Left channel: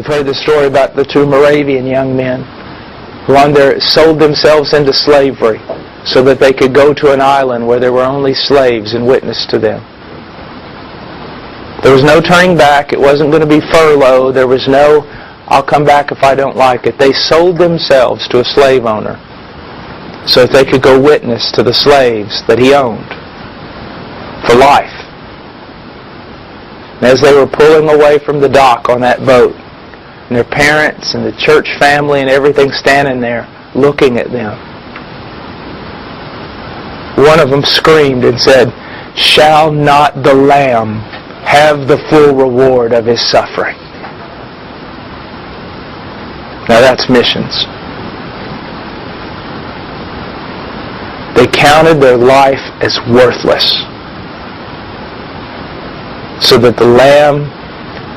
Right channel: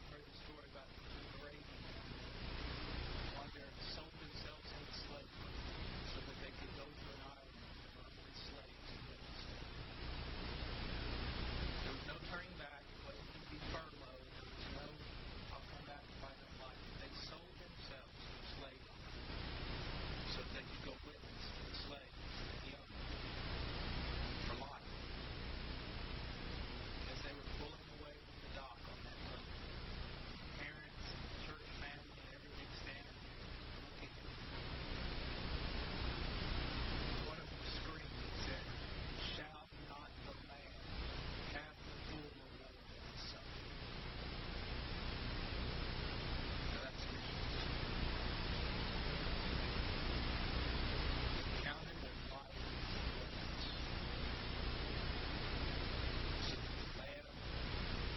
You've heard the story about the two Moravian young men who sold themselves into slavery so that they could go to an island where there were only slaves and witness to them. There was no turning back. It wasn't going to be furlough. There was no, I'll come back if I don't like it. They sold themselves to a slave owner so that they could go witness to the slaves that he owned for life. And as they were pulling away from the dock on that boat, and their parents and the church family and everything standing there looking at them, one of them screamed and said, "Shall not the Lamb have the full reward of His suffering?" Now that's missions. They counted their life as worthless so that the Lamb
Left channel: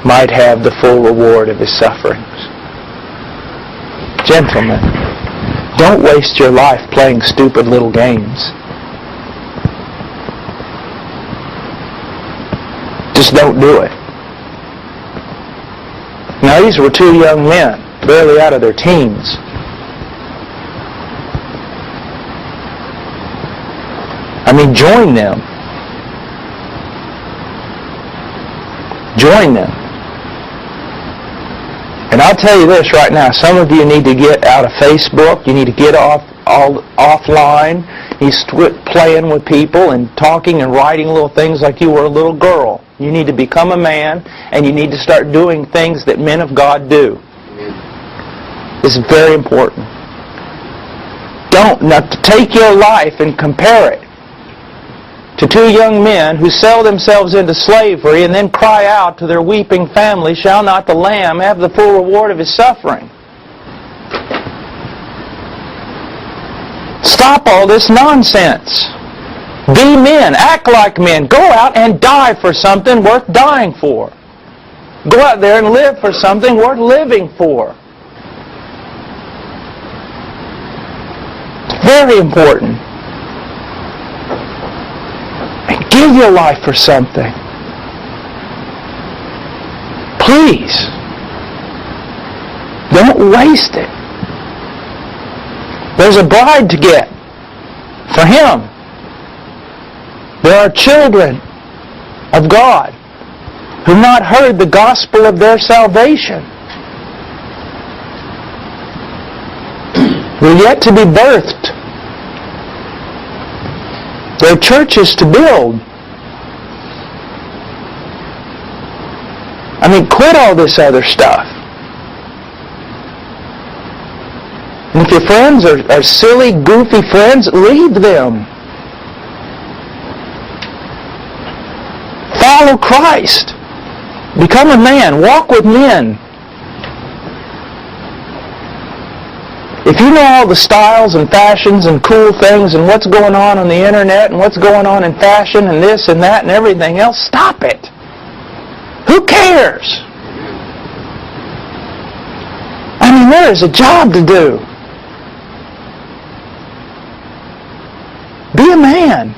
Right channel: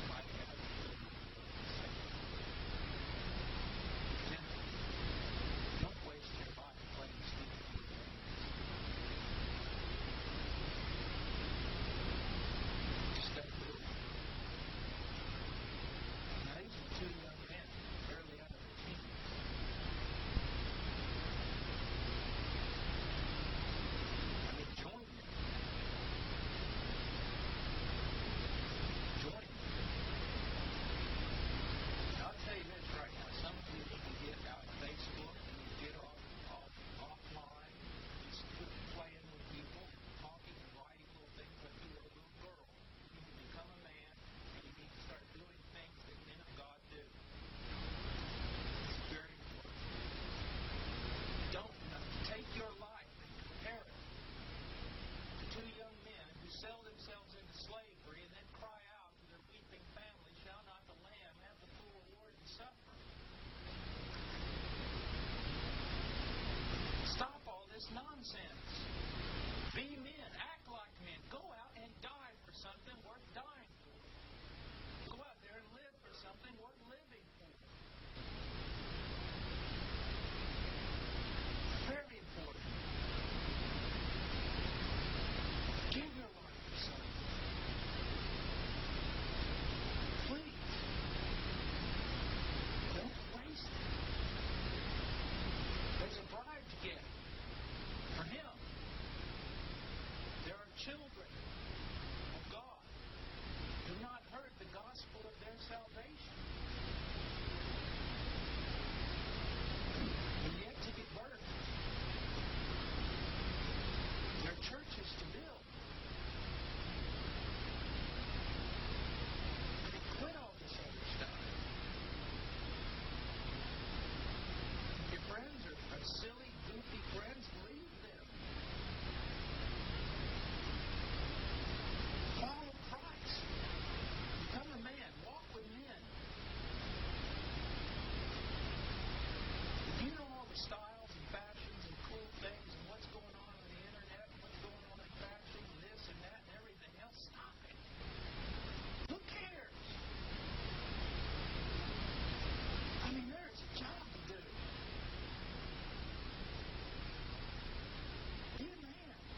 might have the full reward of His sufferings. Gentlemen, don't waste your life playing stupid little games. Just don't do it. Now these were two young men, barely out of their teens. I mean, join them. Join them. And I'll tell you this right now, some of you need to get out of Facebook, you need to get offline, you quit playing with people and talking and writing little things like you were a little girl. You need to become a man, and you need to start doing things that men of God do. This is very important. Don't take your life and compare it to two young men who sell themselves into slavery and then cry out to their weeping family, "Shall not the Lamb have the full reward of His suffering?" Stop all this nonsense. Be men. Act like men. Go out and die for something worth dying for. Go out there and live for something worth living for. It's very important. Give your life for something. Please. Don't waste it. There's a bride to get for Him. There are children of God who have not heard the gospel of their salvation. They're yet to be birthed. There are churches to build. I mean, quit all this other stuff. And if your friends are silly, goofy friends, leave them. Follow Christ. Become a man. Walk with men. If you know all the styles and fashions and cool things and what's going on the internet and what's going on in fashion and this and that and everything else, stop it. Who cares? I mean, there is a job to do. Be a man.